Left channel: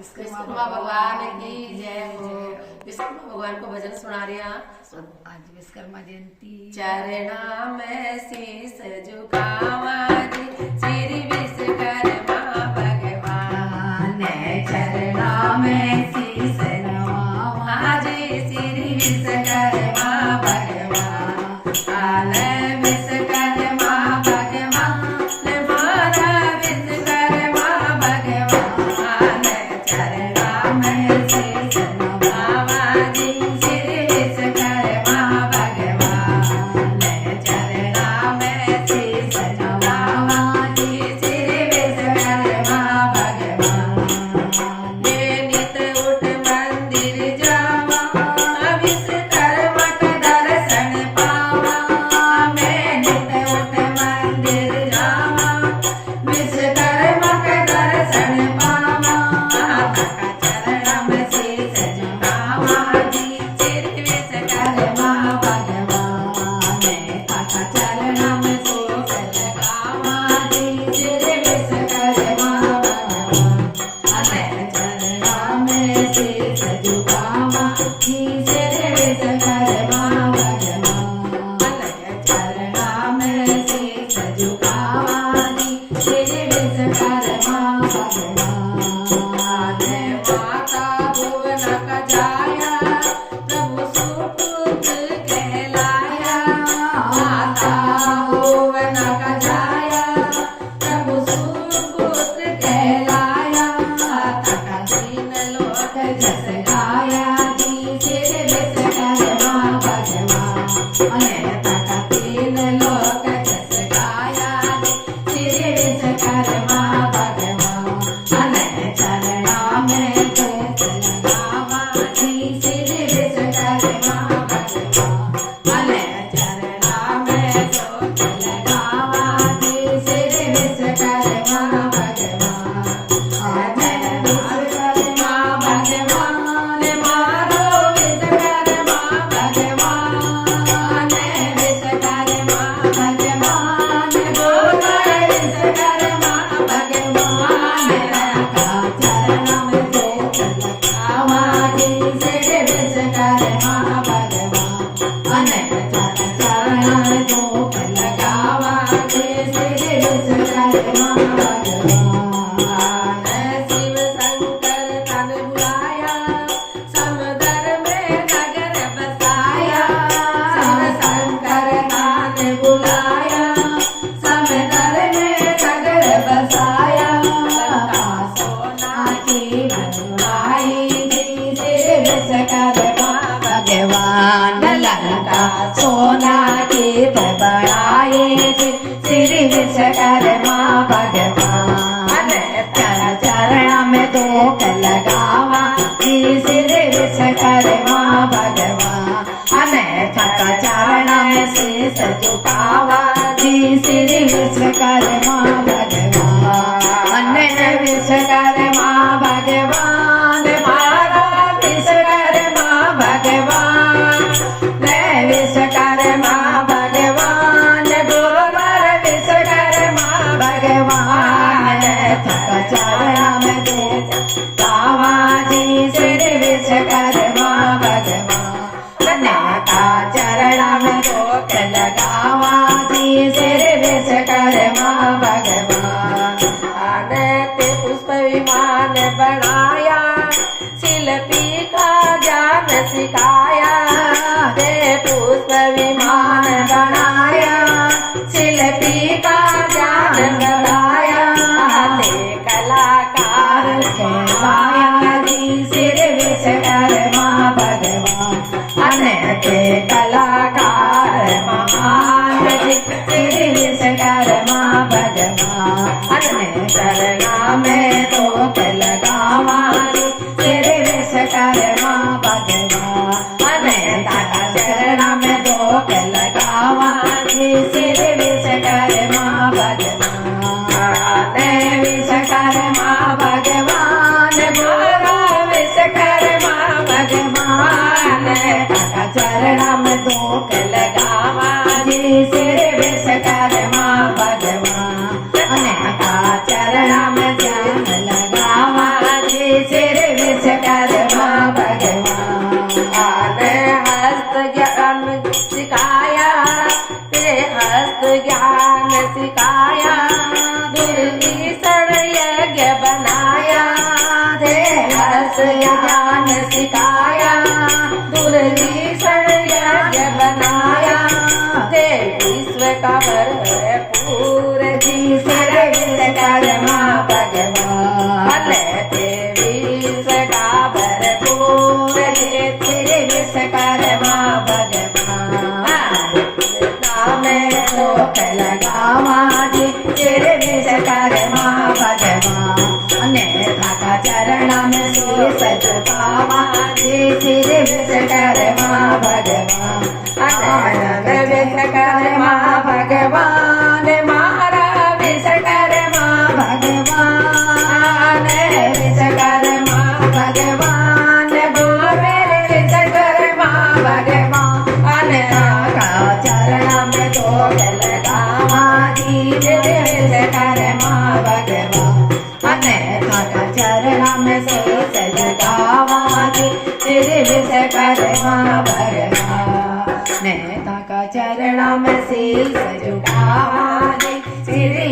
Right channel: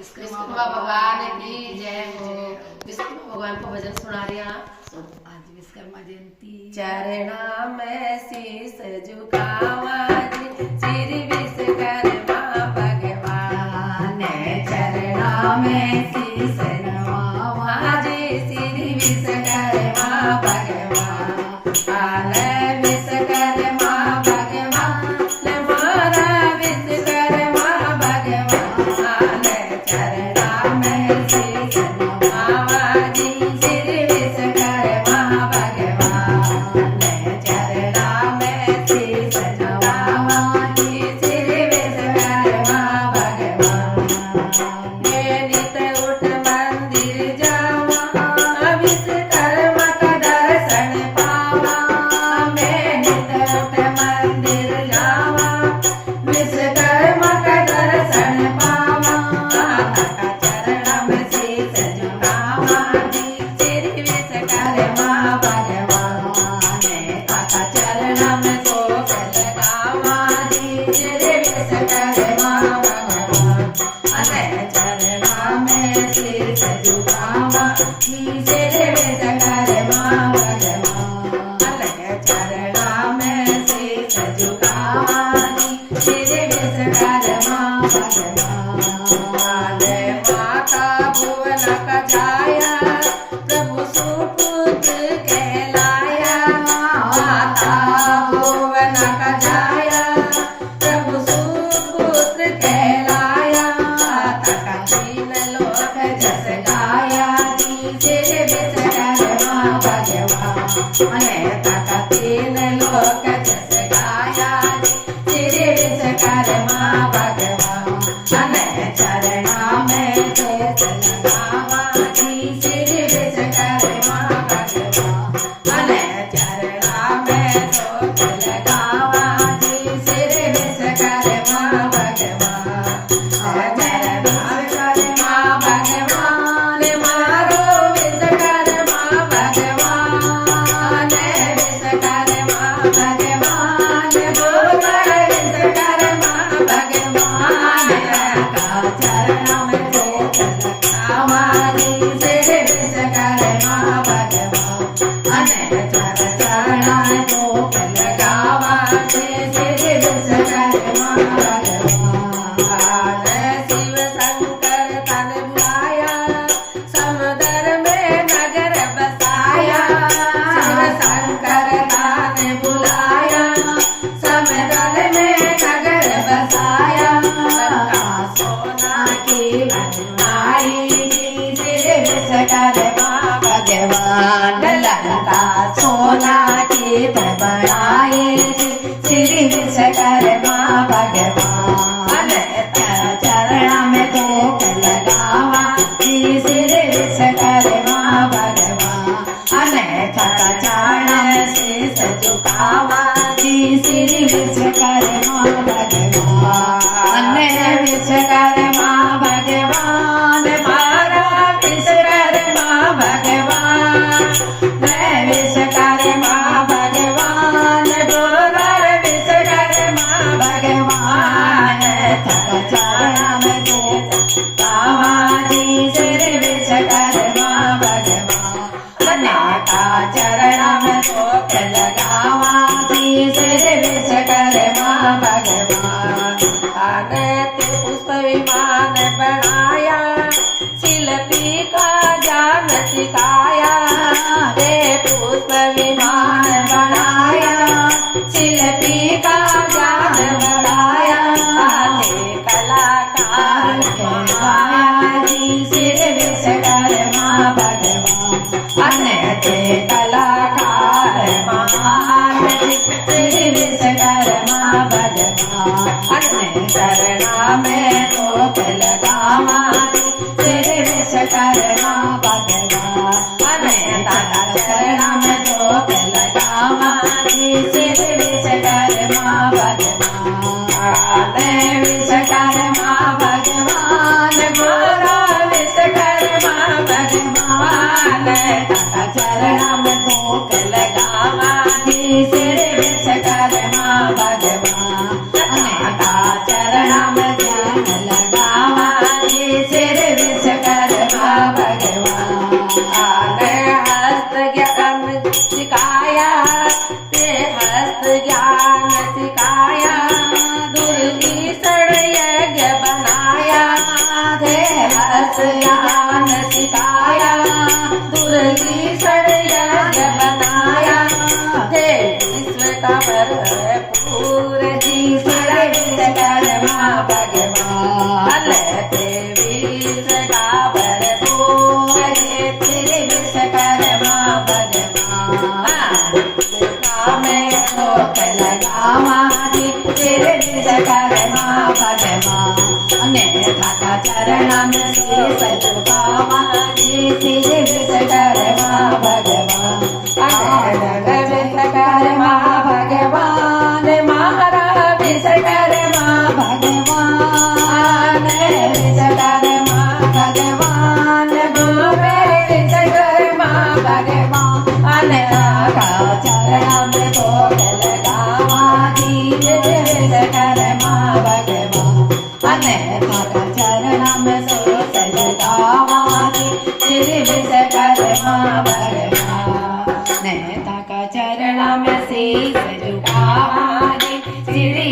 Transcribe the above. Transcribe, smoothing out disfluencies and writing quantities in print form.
विश्वकर्मा भगवान की जय हो। विश्वकर्मा भगवान को भजन सुना रहे हैं आज विश्वकर्मा जयंती। चरणा में शीस झुकावा श्री विश्वकर्मा भगवान, चरणा में शीस नवावा जी श्री विश्वकर्मा भगवान। काल विश्वकर्मा भगवान हमारा विश्वकर्मा भगवान, चरणा में शीस नवावा जी श्री विश्वकर्मा भगवान, चरणा में शीस नवावा जी श्री विश्वकर्मा भगवान। मैं नित उठ मंदिर जावा विश्वकर्मा का दर्शन पावा, मैं नित उठ मंदिर जावा विश्वकर्मा का दर्शन पावा। चरण में शीस झुकावा जी श्री विश्वकर्मा भगवान, चरण में शीस लगावा जी श्री विश्वकर्मा भगवान, चरण में शीस झुकावा जी श्री विश्वकर्मा भगवान, चरण में शीस झुकावा जी श्री विश्वकर्मा भगवान। माता भुवन का जाया प्रभु सुपुत्र कहलाया, माता भुवन का जाया प्रभु सुपुत्र कहलाया। तथा तीन लोक जस गाया जी श्री विश्वकर्मा भगवान, तथा तीन लोक जस गाया जी श्री विश्वकर्मा भगवान। चरणा में शीस लगावा जी श्री विश्वकर्मा भगवान, चरणा में शीस लगावा जी श्री विश्वकर्मा भगवान। विश्वकर्मा भगवान मारो विश्वकर्मा भगवान, विश्वकर्मा भगवान बोलो विश्वकर्मा भगवान। चरण में शीस लगावा जी श्री विश्वकर्मा भगवान, चरण को लगावा जी श्री विश्वकर्मा भगवान। शिव शंकर तन बुलाया समुद्र में नगर बसाया, शिव शंकर तन बुलाया समुद्र में नगर बसाया। सोना की बनवाई जी श्री विश्वकर्मा भगवान, लंका सोना की बनवाई जी श्री विश्वकर्मा भगवान। चरण में धूप लगावा जी श्री विश्वकर्मा भगवान, चरण में शीस झुकावा जी श्री विश्वकर्मा भगवान। विश्वकर्मा भगवान मारा विश्वकर्मा भगवान, विश्वकर्मा भगवान बोलो विश्वकर्मा भगवान। चरण में शीस झुकावा जी श्री विश्वकर्मा भगवान, चरण में धूप लगावा जी श्री विश्वकर्मा भगवान। पुष्प विमान बनाया शिल्पी का ज्ञान सिखाया, पुष्प विमान बनाया शिल्पी का ज्ञान बढ़ाया। कलाकार कहलाया जी श्री विश्वकर्मा भगवान, कलाकार महान जी श्री विश्वकर्मा भगवान। चरणा में धूप लगावा जी श्री विश्वकर्मा भगवान, चरणा में धूप लगावा जी श्री विश्वकर्मा भगवान। विश्वकर्मा भगवान बोलो विश्वकर्मा सिर विश्वकर्मा भगवान हस्त ज्ञान सिखाया ते हस्त ज्ञान सिखाया दुर्विषण यज्ञ बनाया ते हस्त ज्ञान सिखाया दुर्विषण यज्ञ बनाया ते विश्व का भरपूर जी सिर विश्वकर्मा भगवान ते विश्व का भरपूर सिर विश्वकर्मा भगवान में ठोक लगावा जी सिर विश्वकर्मा भगवान अन्यथा का चरण में शीश झुकावा जी सिर विश्वकर्मा भगवान विश्वकर्मा भगवान महारा विश्वकर्मा भगवान विश्वकर्मा भगवान गुरु मेरे विश्वकर्मा भगवान आका चरण में ठोक लगावा जी विश्वकर्मा भगवान अन्यथा का चरण में शीश झुकावा जी विश्वकर्मा भगवान नेता का चरण में शीश झुकावा जी श्री